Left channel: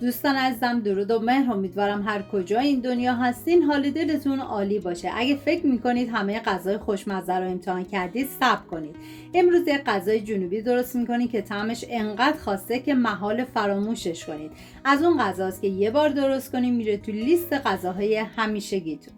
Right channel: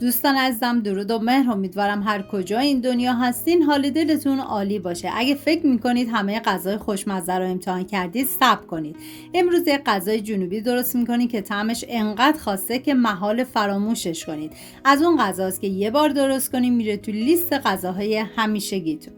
دوستان عزیزم، درود و مهر. امیدوارم هر کجا این دنیا هستین حال دلتون عالی باشه. اگه فکر میکنید همه غذای خوشمزه رو امتحان کردید، صبر کنید. امروز یک غذای جنوبی درست میکنید که طعمش انقدر خاصه که محال فراموشش کنید. از اون غذاست که یه بار درست کنید میره تو لیست غذاهای همیشگیتون.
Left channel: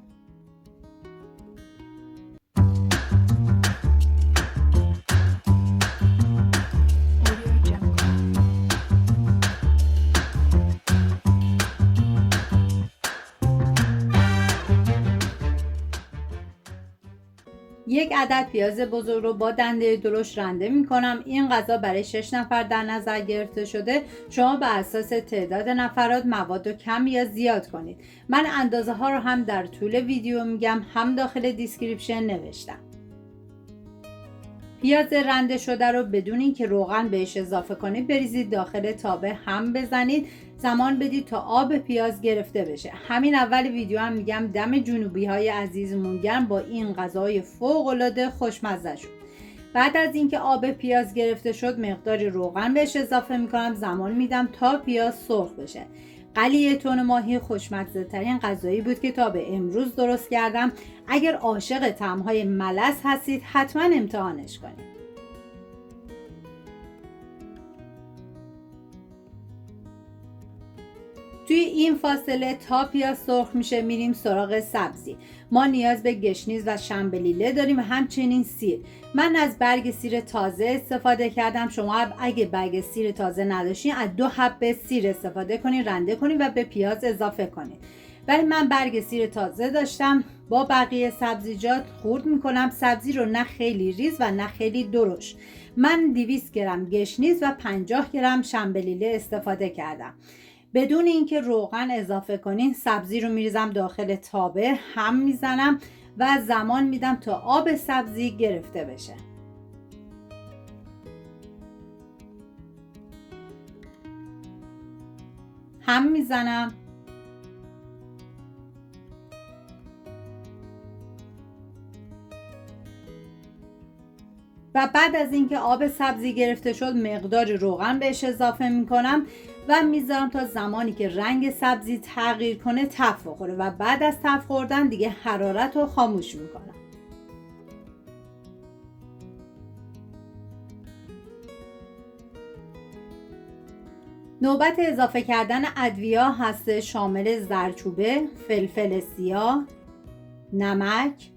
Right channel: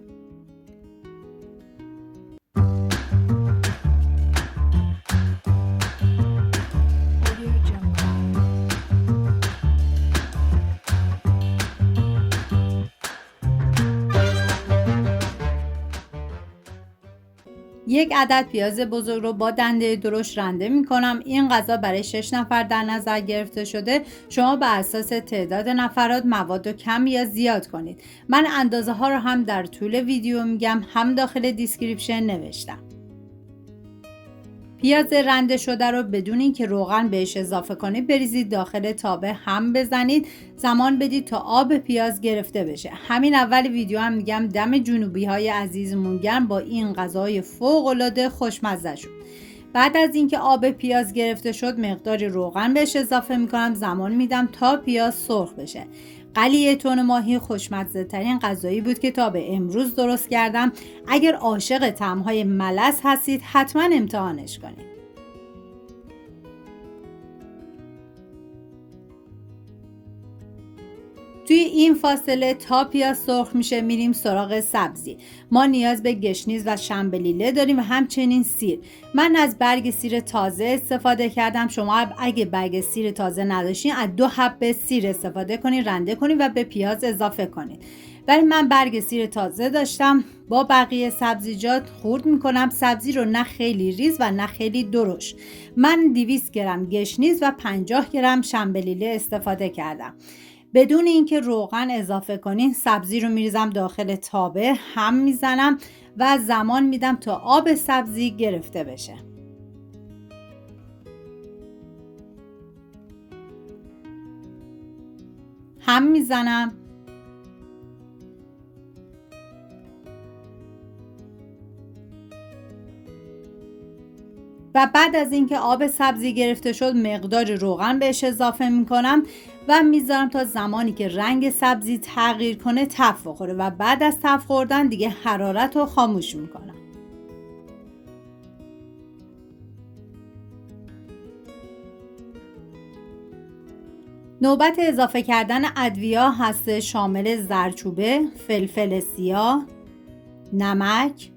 یک عدد پیاز بزرگ رو با دنده درشت رنده می کنم. این غذا برای 6 نفر در نظر گرفته شده. شما به اساس تعداد نفرات مواد رو کم یا زیاد کنید. من اندازه ها رو هم در طول ویدیو میگم، هم داخل دیسکریپشن نوشتم. پیاز رنده شده رو بدون اینکه روغن بهش اضافه کنید بریزید داخل تابه، هم بزنید، زمان بدید تا آب پیاز گرفته بشه. همین اول ویدیو هم میگم دم جنوبی های عزیزمون گرم با این غذای فوق العاده خوشمزه شد. بعد از اینکه آب پیاز گرفته شد مقداری روغن بهش اضافه میکنم، زمان میدم تا پیاز سرخ بشه. قلیه تون ماهی خوشمزه ترین غذایی بود که تا به امروز درست کردم. اگر عاشق طعم‌های ملس هستید حتما امتحانش کنید. توی این فاصله تا پیاز سرخ میشه میریم سراغ سبزی. ما نیاز به گشنیز و شنبلیله داریم و همچنین سیر. من از برگ سیر تازه استفاده کردم. شما اگه برگ سیر تازه نداشتین از 2 حبه سیر استفاده کنید، رنده کنید و به پیاز اضافه کنید. ولی من برگ سیر تازه داشتم. با بقیه سبزیجات خورد میکنم سبزی رو، نه خیلی ریز و نه خیلی درشت. من 200 گرم گشنیز و 50 گرم شنبلیله استفاده کردم. بدون اینکه روغن اضافه کنین سبزی رو میریزم داخل تابه، هم میزنم و زمان میدم تا آب سبزی گرفته بشه. هم میزنم و بعد از اینکه آب سبزی گرفته شد مقدار روغن بهش اضافه میکنم و میذارم تا زمانی که رنگ سبزی تغییر کنه تف بخوره و بعد از تف خوردن دیگه حرارت رو خاموش میکنم. نوبت اضافه کردن ادویه هست، شامل زردچوبه، فلفل سیاه، نمک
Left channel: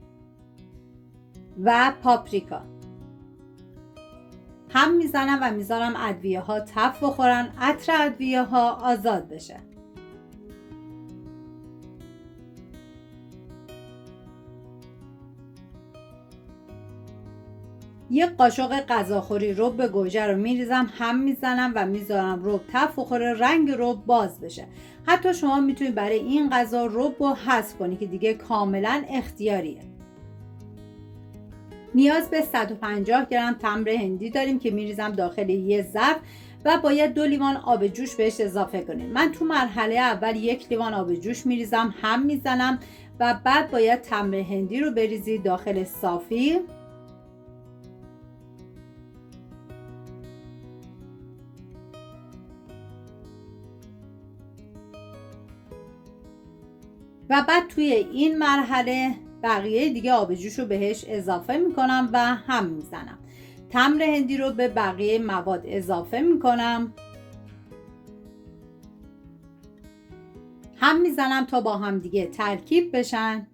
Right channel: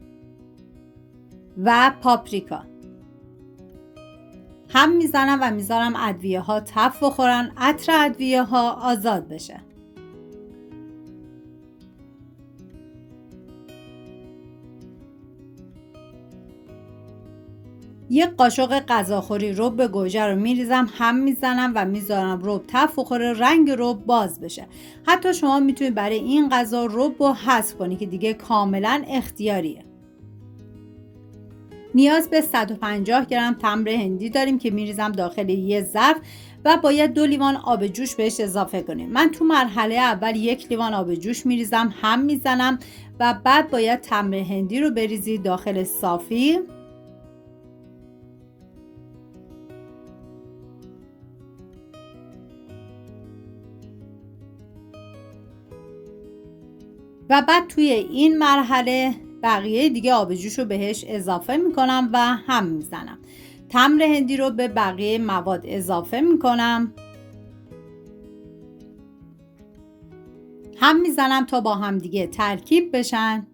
و پاپریکا. هم میزنم و میذارم ادویه ها تف بخورن، عطر ادویه ها آزاد بشه. یک قاشق غذاخوری رب گوجه رو میریزم، هم میزنم و میذارم رب تف بخوره، رنگ رب باز بشه. حتی شما میتونید برای این غذا رب رو حذف کنید که دیگه کاملا اختیاریه. نیاز به 150 گرم تمر هندی داریم که میریزم داخل یه ظرف و باید 2 لیوان آب جوش بهش اضافه کنیم. من تو مرحله اول 1 لیوان آب جوش میریزم، هم میزنم و بعد باید تمر هندی رو بریزید داخل صافی و بعد توی این مرحله بقیه دیگه آب جوش رو بهش اضافه میکنم و هم میزنم. تمر هندی رو به بقیه مواد اضافه میکنم، هم میزنم تا با هم دیگه ترکیب بشن.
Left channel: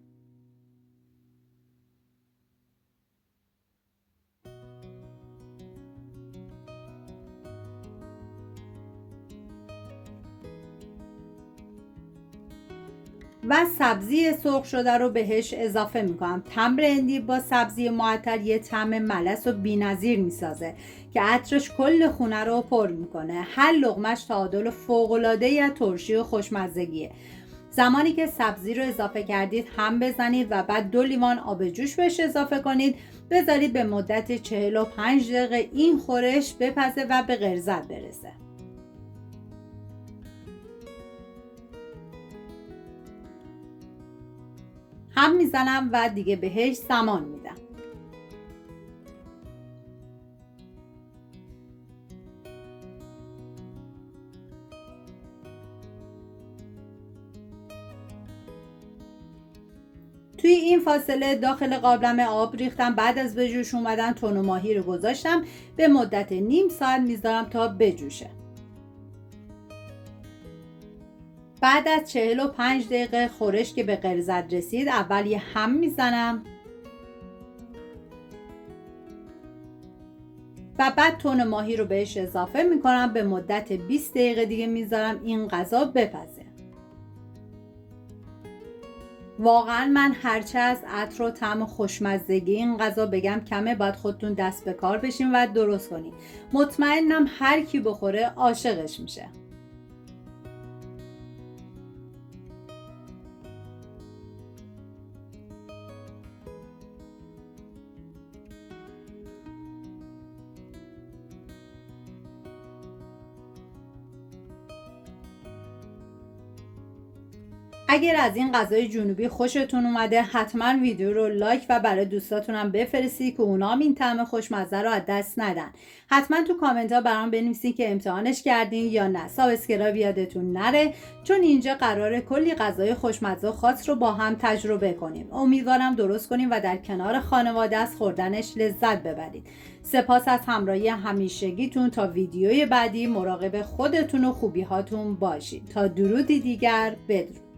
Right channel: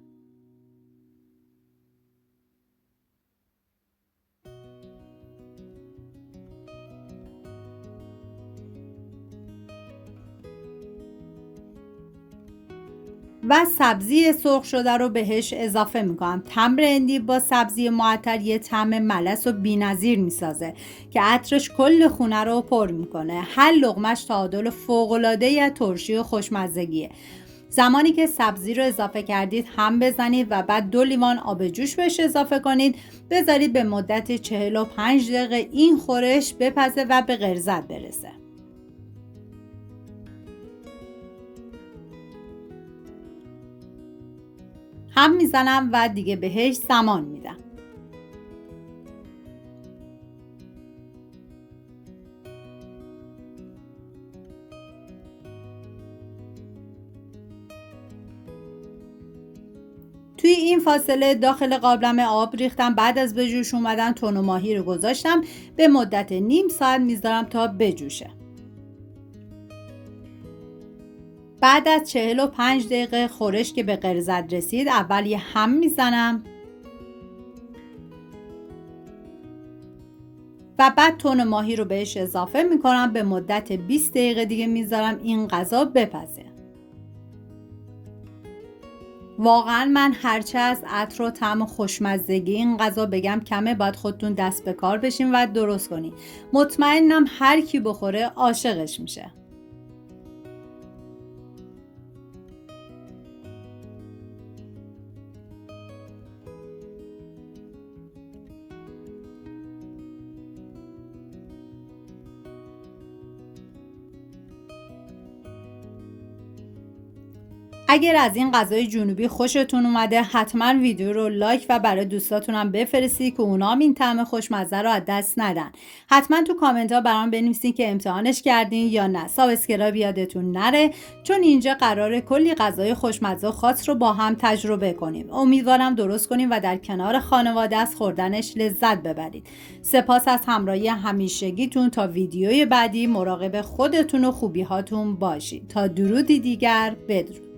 و سبزی سرخ شده رو بهش اضافه میکنم. تمر هندی با سبزی معطر یه طعم ملس و بی‌نظیر میسازه که عطرش کل خونه رو پر میکنه. هر لقمش تعادل فوق‌العاده ترشی و خوشمزگیه. زمانی که سبزی رو اضافه کردید هم بزنید و بعد 2 لیوان آب جوش بهش اضافه کنید. بذارید به مدت 45 دقیقه این خورش بپزه و به غلظت برسه. هم میزنم و دیگه بهش زمان میدم. توی این فاصله داخل قابلم آب ریختم. بعد از به جوش اومدن تن و ماهی رو گذاشتم، به مدت نیم ساعت میذارم تا بجوشه. بعد از 45 دقیقه خورش که به غلظت رسید، اول یه هم میزنم و بعد تن ماهی رو بهش اضافه میکنم. به مدت 20 دقیقه دیگه میذارم این غذا بپزه. واقعا من هرچه از عطر و طعم و خوشمزگی این غذا بگم کمه، باید خودتون دست به کار بشین و درست کنین. مطمئنم هر کی بخوره عاشقش میشه. اگر از این غذای جنوبی خوشتون اومده، حتما ویدیو رو لایک و برای دوستاتونم بفرستید که اونام این طعم خوشمزه رو از دست ندن. حتما تو کامنت ها برام بنویسین که امتحانش کردین یا نه. سابسکرایب یادتون نره، چون اینجا قراره کلی غذای خوشمزه و خاص رو با هم تجربه کنیم. امیدوارم درست کنیم و در کنار خانواده از خوردنش لذت ببرید. سپاس از همراهی همیشگیتون. تا ویدیوی بعدی مراقب خودتون و خوبی هاتون باشید. تا درودی دیگر، بدرود.